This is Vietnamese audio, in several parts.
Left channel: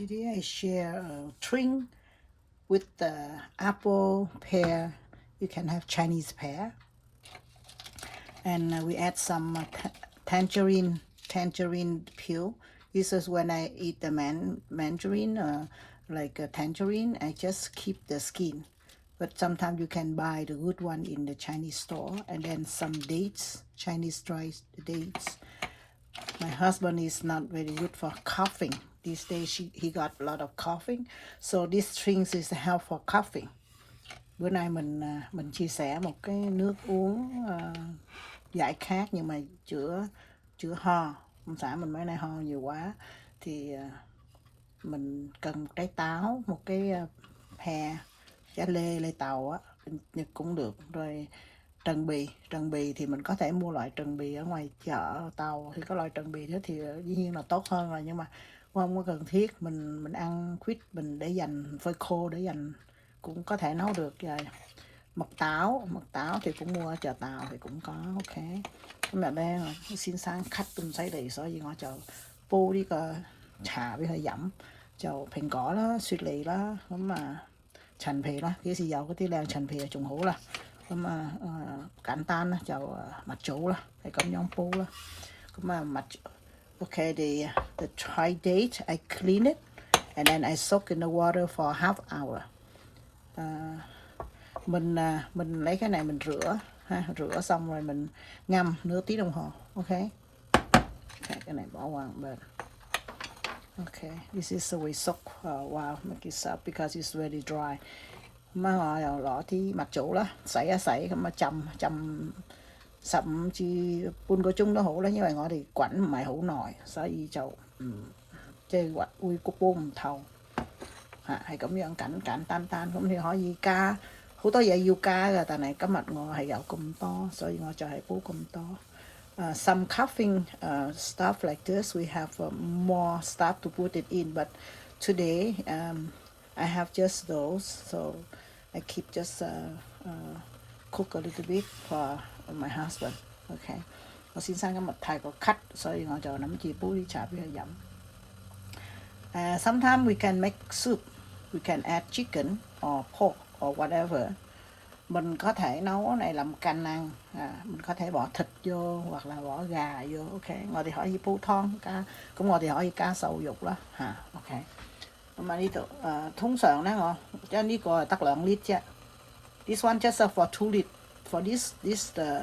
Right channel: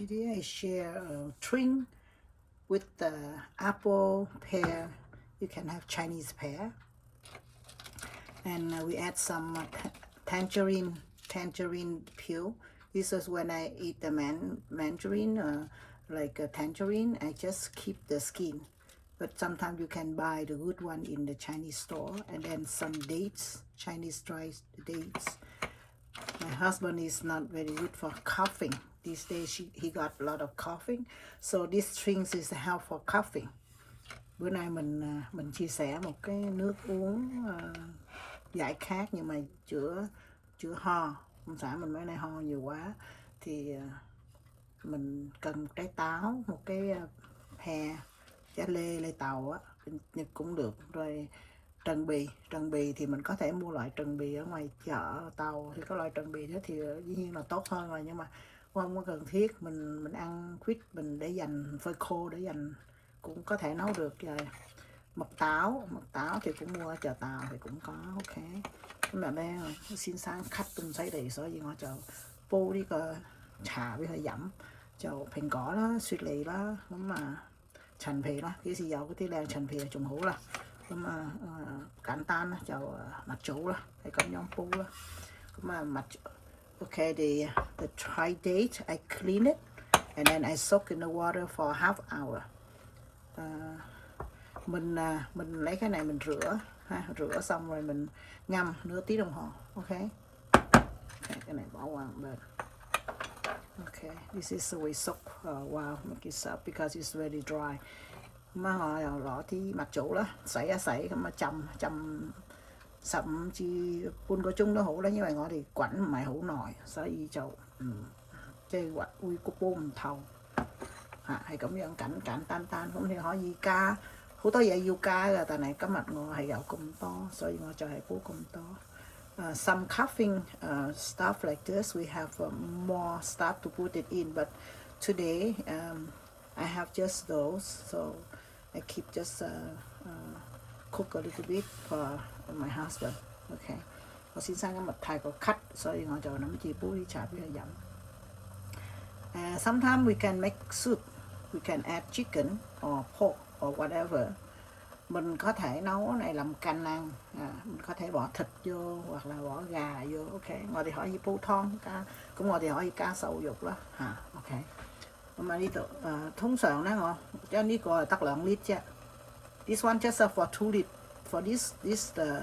Today I share a drink with the apple pear. You can have Chinese pear, and we add some tangerine peel. This is when I eat the mandarin, like a tangerine. I just keep the skin, but sometimes you can buy the good one in the Chinese store. And then some dates, Chinese dry dates. My husband is not very good for coughing. These days he got a lot of coughing. So this drink is help for coughing. Bữa nay mình chia sẻ một cái nước uống giải khát nhưng mà chữa ho. Ông xã mình mấy nay ho nhiều quá thì mình cần một trái táo, một cái hè, trái lê tàu á, Nhật cũng được. Rồi trần bì thì mình có thể mua loại trần bì ở ngoài chợ tàu, thì có loại trần bì đó thì dĩ nhiên là tốt hơn rồi, nhưng mà không có cần thiết. Mình ăn quýt, mình để dành phơi khô để dành cũng có thể nấu được. Rồi mật táo thì cũng mua ở chợ tàu thì cũng có. OK,咁日咧先生咳到咁犀利，所以我就煲呢個茶俾佢飲，就蘋果啦、雪梨啦，咁陳皮啦，幾時有嗰啲靚陳皮仲好啦。咁簡單啦，就蜜棗啦，係咁樣煲啦。咁OK, the dry date I clean it and then I soak in the water for half hour. Mình lấy cái này mình rửa xong rồi mình ngâm nửa tiếng đồng hồ. OK, cái này bỏ qua một bên. OK, this is the way soak while make it up because it's very dry. Mà họ rõ thì mặt chỗ đó sấy mà chầm sầm chi bún của chúng nó hổ đó, như vậy họ thì quẩn mày hổ nồi所以就即係話會焗煲唔透係咁樣簡單。咁你可以加好多嘢要加㗎，但係今日我係有咁多，所以我就係煲咁多。Some coughing stuff like this we have more stuff to put it in, but today I have just those, so I keep just cook a little bit for my husband. OK， 我先生今日太過咳，所以我就諗住煲啲茶俾佢飲。Sometimes we can make soup. We can add chicken or pork or whatever. Mình có thể nấu này làm canh ăn, mình có thể bỏ thịt vô hoặc là bỏ gà vô. OK， 我哋可以煲湯加，咁我哋可以加瘦肉啦嚇。OK， 咁呢度通常咧我將呢個係得2 lít啫。This one just for 2 lít. For this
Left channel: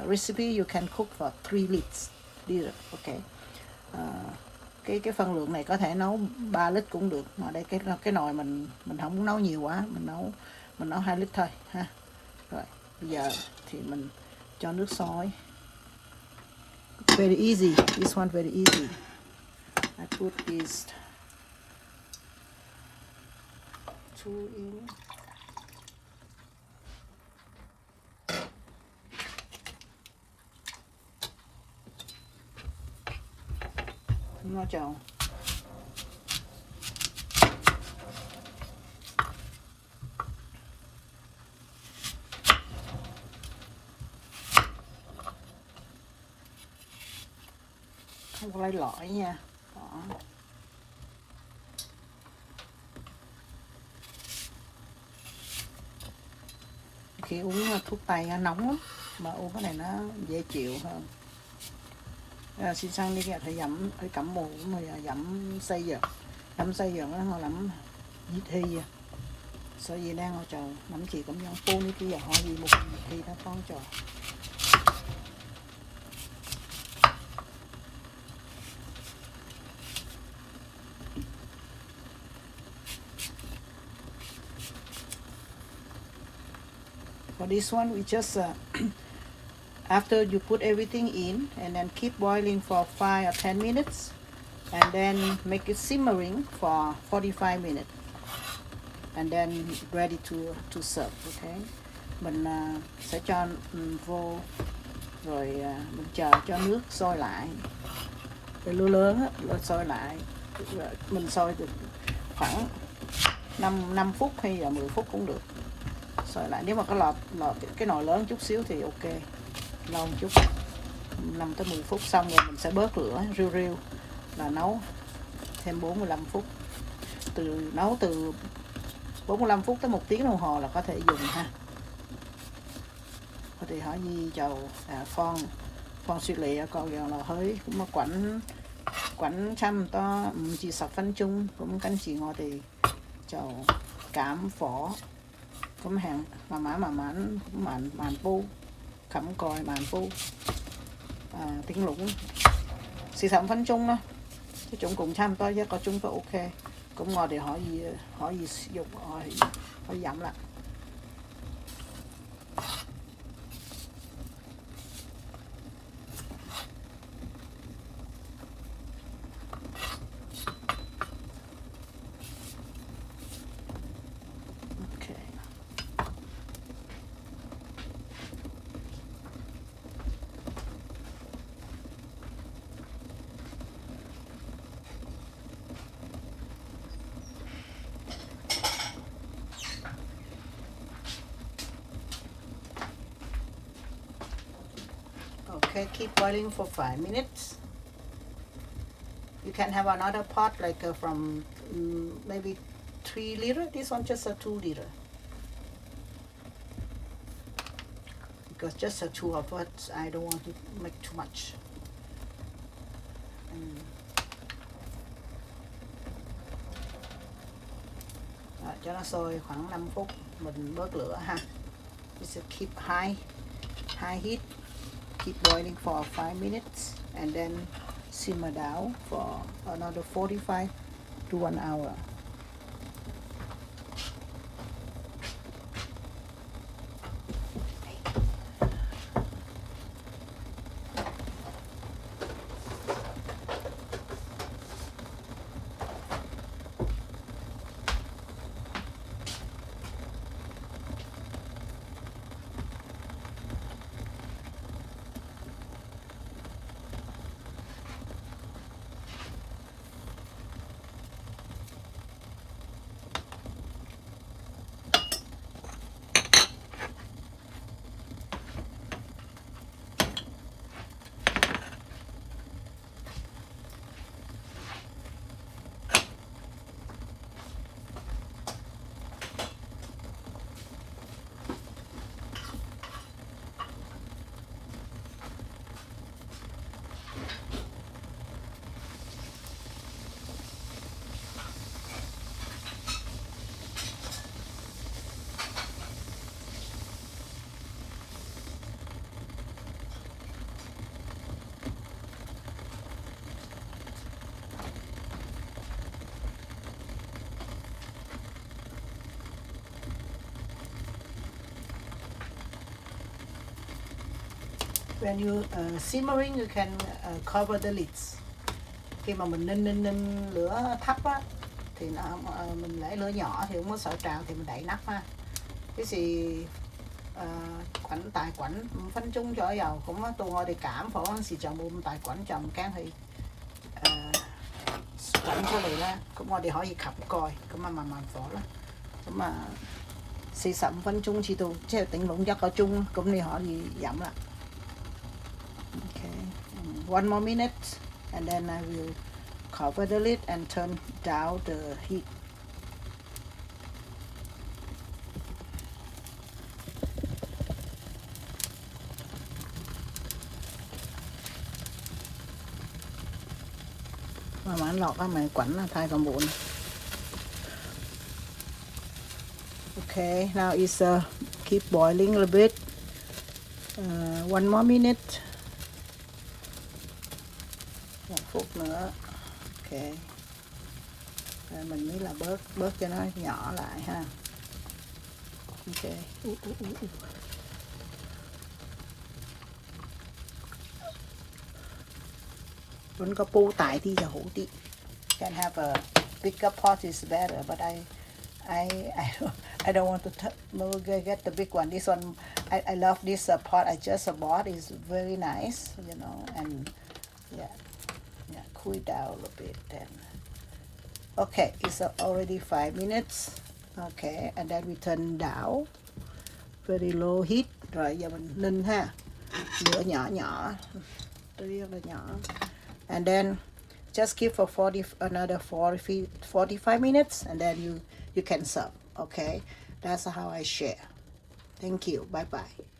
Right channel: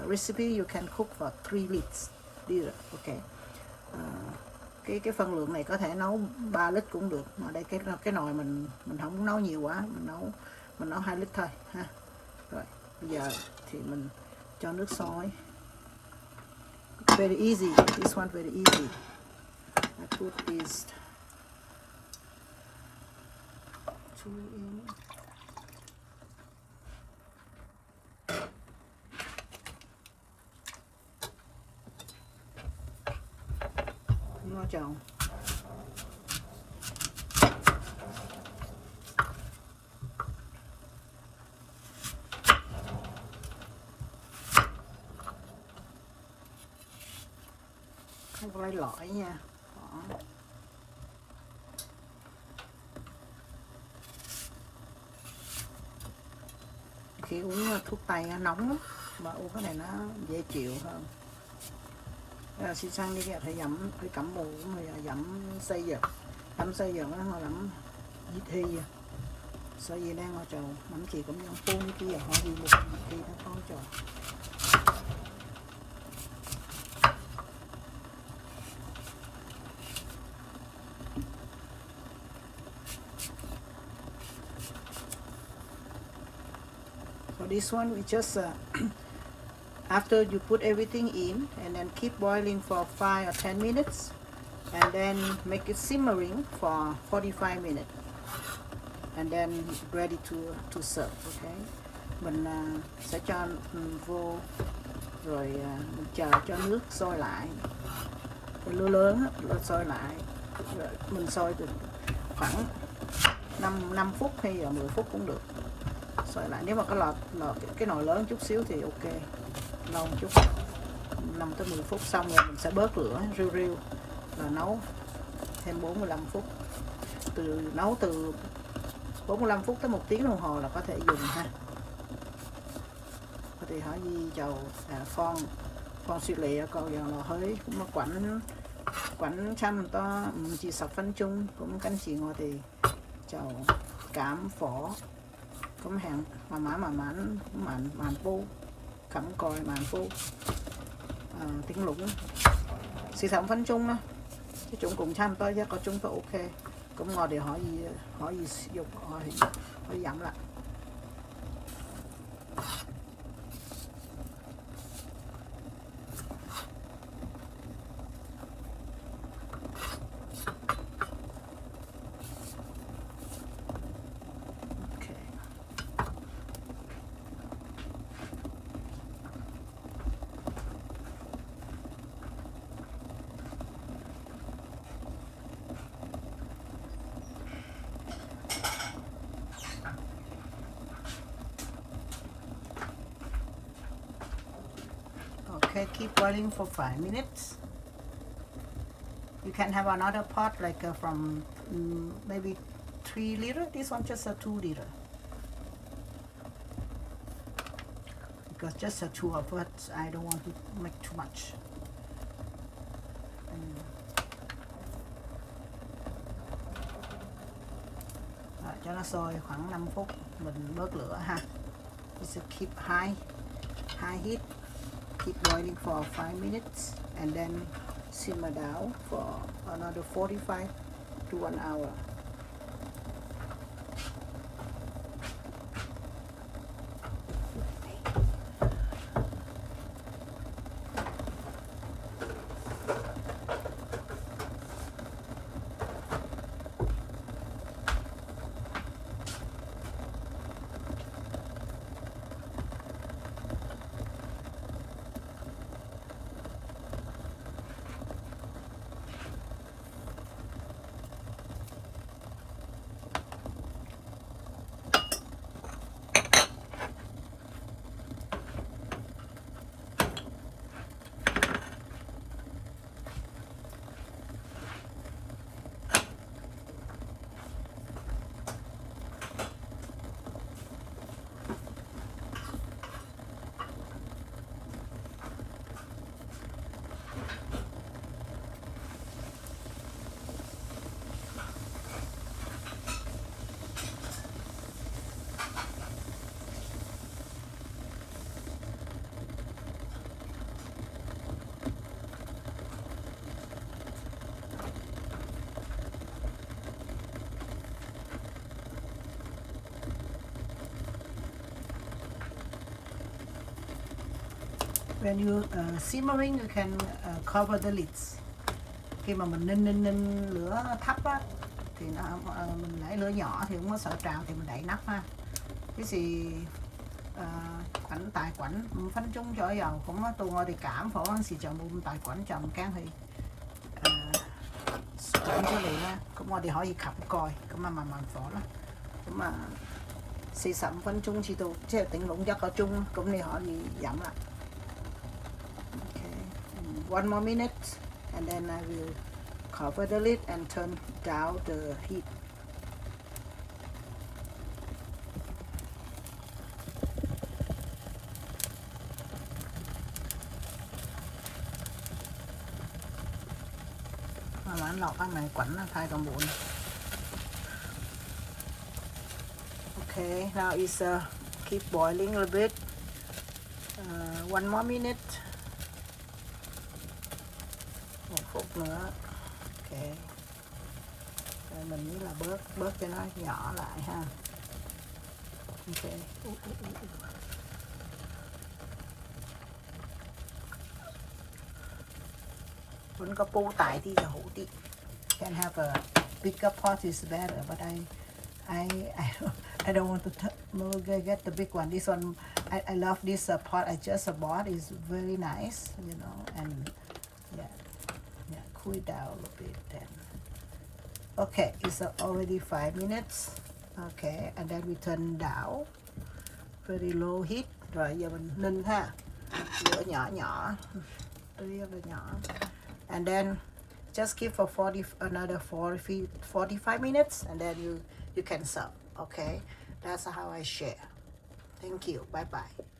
recipe you can cook for 3 lits. OK. Cái phần lượng này có thể nấu 3 lít cũng được. Mà đây cái nồi mình không muốn nấu nhiều quá, mình nấu 2 lít thôi ha. Rồi bây giờ thì mình cho nước sôi. Very easy. This one very easy. I put this 2 in. Nó tròn không có lấy lõi nha. Đó. Khi uống thuốc tây nóng lắm, mà uống cái này nó dễ chịu hơn. Xin sang đi thì dặm cái cẩm mù mà dặm xây dựng nó họ làm gì thi所以咧我就諗住咁樣煲呢啲嘢可以冇熱氣得幫助。For this one we just after you put everything in and then keep boiling for 5 or 10 minutes and then make it simmering for 45 minutes and then ready to serve. OK, mình sẽ cho vô rồi mình chờ cho nước sôi lại, cái lửa lớn á, sôi lại, mình sôi được khoảng 5 phút hay là 10 phút cũng được. Sôi lại, nếu mà cái nồi lớn chút xíu thì OK, lâu một chút, 5 tới 10 phút xong rồi mình sẽ bớt lửa riu và nấu thêm 45 phút. nấu từ 45 phút tới 1 tiếng đồng hồ là có thể dùng ha. Thì hỏi gì dầu con suy lệ còn giờ là hơi cũng mà quánh chăm to chỉ 6 phân chung cũng cánh chỉ ngọt thì dầu cám phỏ cũng hàng mà mán màn pu cắm còi màn pu tiếng lũng xì 6 phân chung đó cái chúng cũng chăm to chứ có chúng to ok cũng ngọt để hỏi gì sử dụng hỏi giảm lại. Okay, keep boiling for 5 minutes. You can have another pot like from maybe 3 liter. This one just a 2 liter. Because just the two of us, I don't want to make too much. Cho nó sôi khoảng 5 phút mình bớt lửa ha. We should keep high heat. Keep boiling for 5 minutes and then simmer down for another 45 to 1 hour. When you simmering, you can cover the lids. Khi mà mình ninh lửa thấp á, thì mình để lửa nhỏ thì không có sợ trào thì mình đậy nắp ha. Cái gì quảnh 5 phân chung左右咁啊，到我哋減火嗰陣時就冇咁大滾，就唔驚佢滾出嚟啦。咁我哋可以冚蓋，咁啊慢慢火啦。咁啊45分鐘至到，即係頂籠1個鐘，咁你可以飲啦。Okay, 1 more minute, and then I will cover the lid and turn down the heat. Mà lọt á mày quẩn nó thay còn bụng. Okay, now is keep boiling a little bit. 1 more minute. 1 phút nữa. Okay. Mình nghĩ là bớt cho nó nhỏ lại ha. Okay. Vẫn có pu tại thì hủ đi. Can have a bigger pot is better, but I don't want to get the big one. This one, I love this pot I just bought. It's very nice, you know, and yeah, cool it down a little bit then. Okay, it's already 5 minutes. Okay, and then we turn down, very low heat. Rồi giờ mình ninh ha, lửa nhỏ, rất là nhỏ. And then just keep for 45 minutes, and then you can serve. Okay, that's how I share. Thank you. Bye bye.